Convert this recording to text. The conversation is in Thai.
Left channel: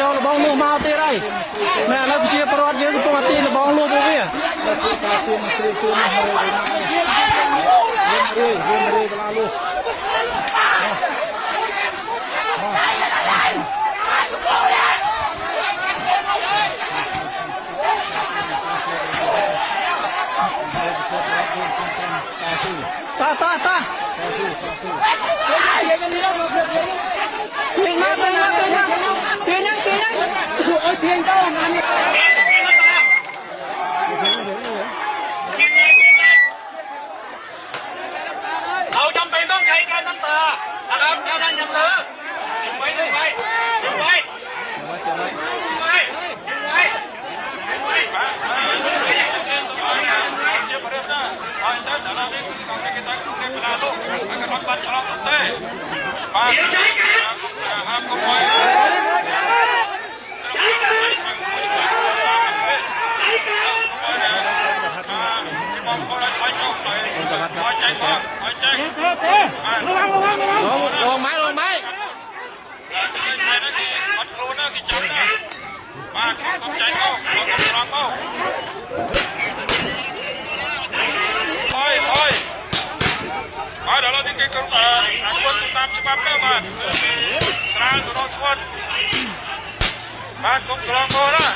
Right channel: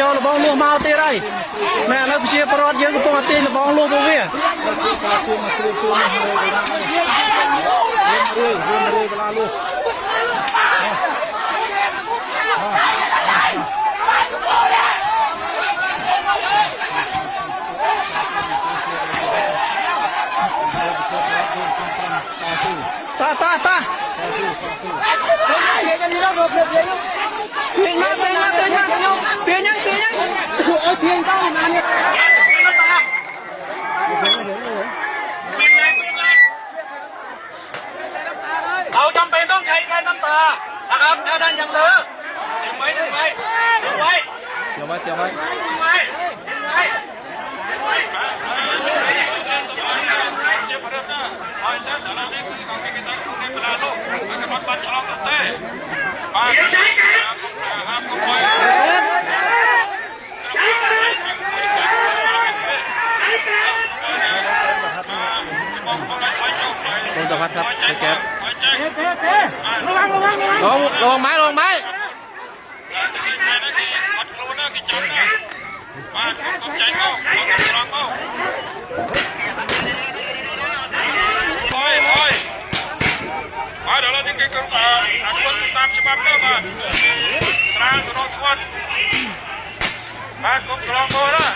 យកលបងលុះមកទៀតហើយណែឥឡូវប្រជាពលរដ្ឋយើងកំពុងតែទាញលបងលុះពួកវាតាទាញមកទាញទៅណានេះเอาจำเป็นต้องใช้การน้ำตานะครับเจ้าท่านยังเลิกไปลงไม้มาขอบใจเขาเดี๋ยวเราจะเก็บกระเป๋าคนตามฉบับเริ่มมาตราสุรสวัสดิ์มากรมกรองโบนะ